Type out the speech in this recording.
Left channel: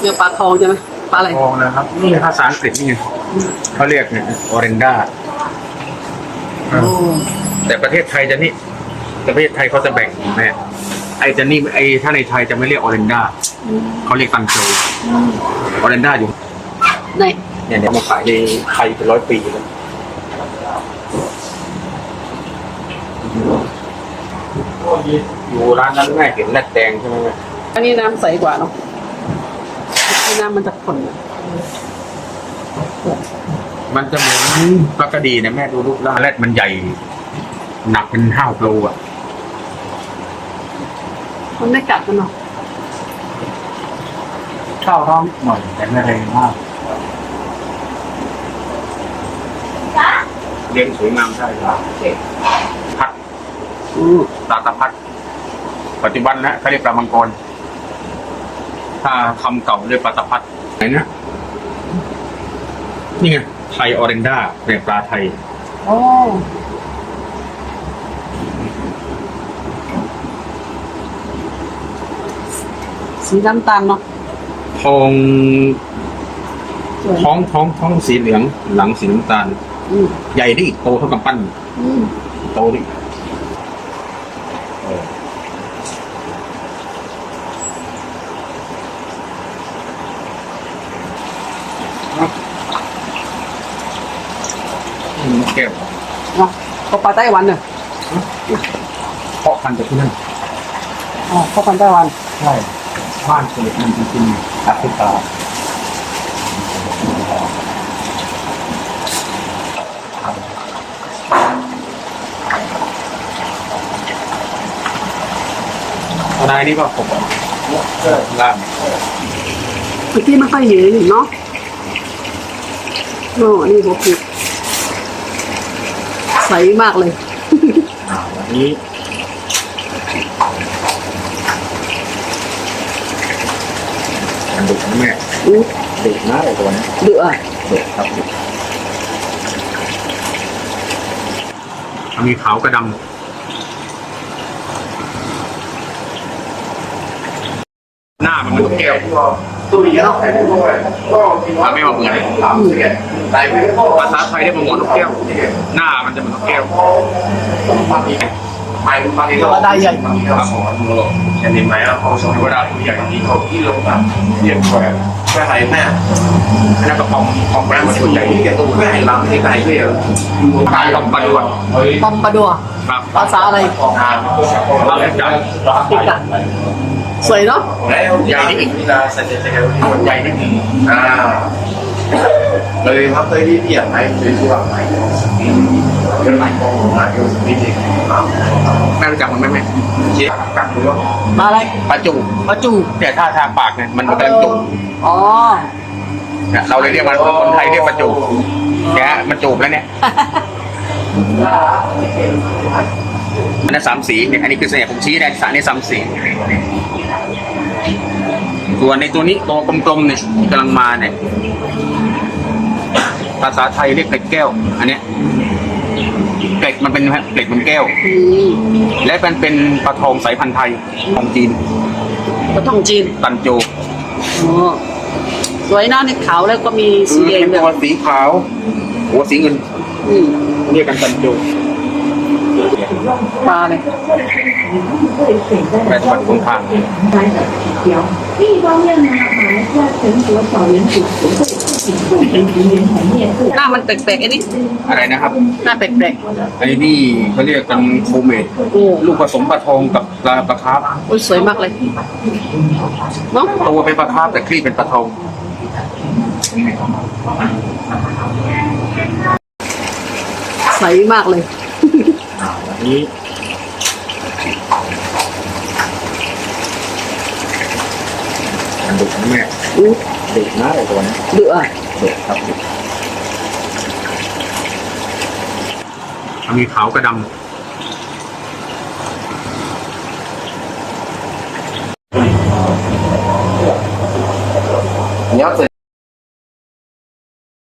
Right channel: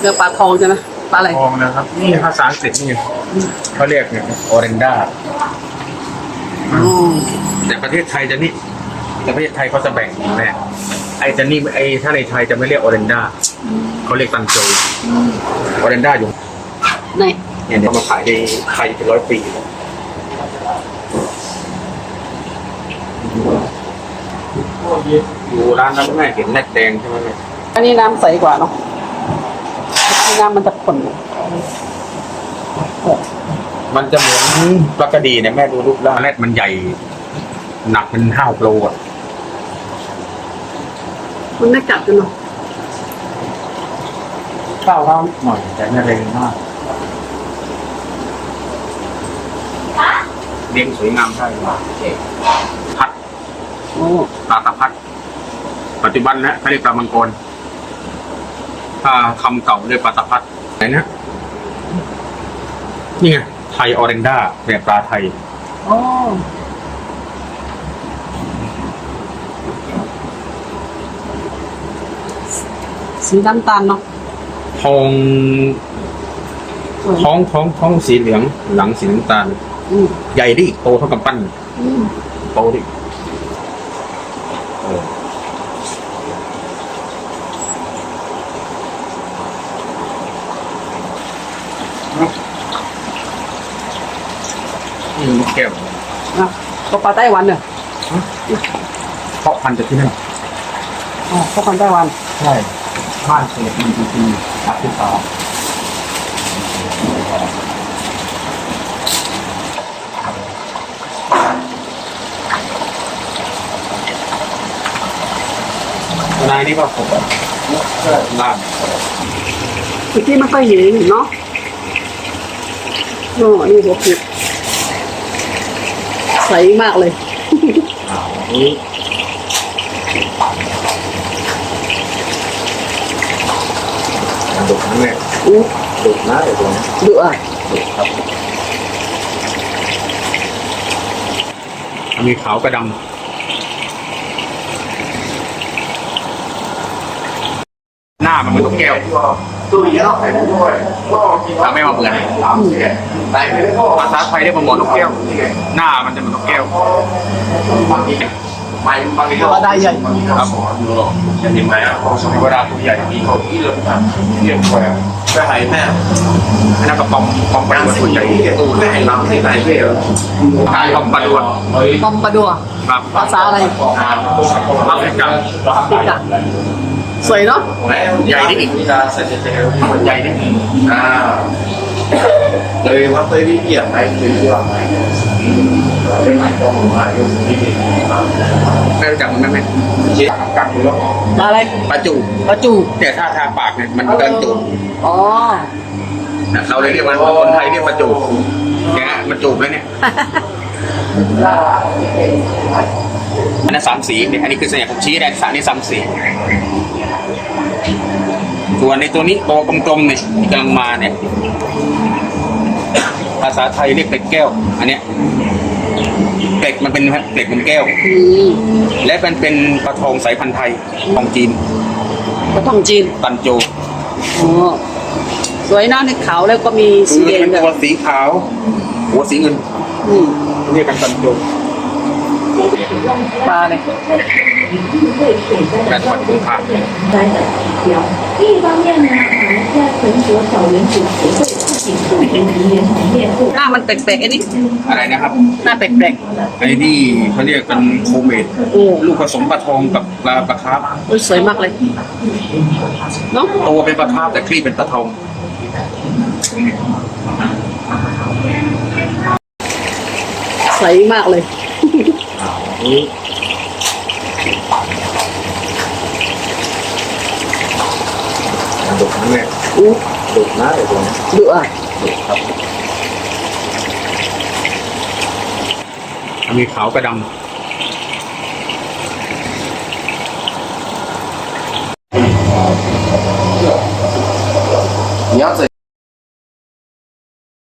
เนื้อปลาทองใช่ไหมปลาอะไร ทองนะครับ นี่ภาษาอังกฤษนี่ไงเขาเรียกเนี่ยออเรนดาอ๋อแต่ประเทศไทยจะนี่แต่ประเทศไทยเขาจะแบ่งเนี่ย ไอ้จะนี่ไอ้ถ้าในไทยจะไม่เรียกออเรนดาเขาเรียกตังโจออเรนดาอยู่ไหนเนี่ยเนี่ยมาขายในไทยเป็นร้อยปีแล้วอยู่ร้านนั้นแม่เห็นแรดแดงใช่ไหมแม่อันนี้น้ำใสกว่าเนาะอันนี้น้ำมันจะขุ่นมันจะเหมือนปลากระดีเนี่ยแม่ดูรูปร่างแรดมันใหญ่ หนักเป็นห้าโลอะ มันไม่กัดกันเนาะข้าวร้องหน่อยแต่ไม่แรงมากเลี้ยงสวยงามได้เลยพัดอืมปลาตะพัด ปัจจุบันนะเขาเรียกปลามังกรถ้าคำเก่าเรียกปลาตะพัดไหนนะนี่ไงไทยออเรนดาเนี่ยปลาไทย อ๋อ สีน้ำตาลเนาะทองสวยท้องท้องท้องสีเหลืองหลังสีน้ำตาล อืมใหญ่ดิโตเท่ากับปั้น อืมโตดิเอออืมแก้วนะก็ปลาไต้หวันเนอะเพาะพันธุ์จากที่นั่นอ๋อพวกคนไต้หวัน ใช่ บ้านเกิดมันจริงๆอฟริกาตัวนายนี่ก็ผมล่ามเมื่อกี้มันค่อยเห็นเนาะอ๋อนี่หัวปุดใสมากเลยอ่าวันนี้ นะแม่อู้ดุนะไอ้ตัวนี้ดุอะดุครับมีขาวกระดำหน้ามันเหมือนนกแก้วถ้าไม่มาเหมือนภาษาไทยเรียกว่าหมอนกแก้ว หน้ามันจะเหมือนนกแก้วตัวได้ใหญ่ครับผมเวลาตัวใหญ่ที่เขาที่เราเรียกว่าอันนั้นก็ปอมปอมปลาตัวใหญ่ตายปอมปลาดวนปอมปลาดัว ครับภาษาอะไรครับเราเรียกจังแอฟริกาสวยเนาะใหญ่นิดนึงใหญ่นิดหนึ่ง เลยครับเคยที่เปลี่ยนไหมเคยเชื่อไหมเป็นหลายกองมาเยอะนิดนึงไม่รู้จักมันไหมแม่เจ๊กัดหรือว่าปลาอะไรปลาจูปลาจูแก่ท่าทางปากเนี่ยมันกำลังจูอ๋อเนี่ยเราเลยเรียกมันคนไทยเรียกปลาจูแกมันจูบแล้วเนี่ยอันนั้นสามสีเนี่ยอันนี้คือเสน่ห์ผมชี้ได้สารนี้สามสี ส่วนในตัวนี้ตัวกลมๆเนี่ยที่กำลังมาเนี่ย ภาษาไทยเรียกเป็ดแก้ว อันเนี้ยเป็ดมันเป็นเป็ดมันแก้วอืมและเป็นเป็นปลาทองสายพันธุ์ไทยของจีนปลาทองจีน ตันโจอ๋อสวยนะในขาวแล้วก็มีสีแดงเป็นด้วยตัวสีขาว หัวสีเงินอืมเรียกกันตันโจ ปลาเนี่ยแปดวันกุมภาพันธ์หน้ามันแปลกๆอันนี้อะไรนะครับ หน้าแปลกๆไอ้นี่เขาเรียกกันโคเมดโอ้ลูกผสมปลาทองกับปลาปลาคาร์ฟโอ้ยสวยมากเลยเนาะตัวเป็นปลาคาร์ฟแต่ครีบเป็นปลาทองใสมากเลย นนี้ดุนะแม่อู้ดุนะไอ้ตัวนี้ดุอะดุครับ มีขาวกระดำ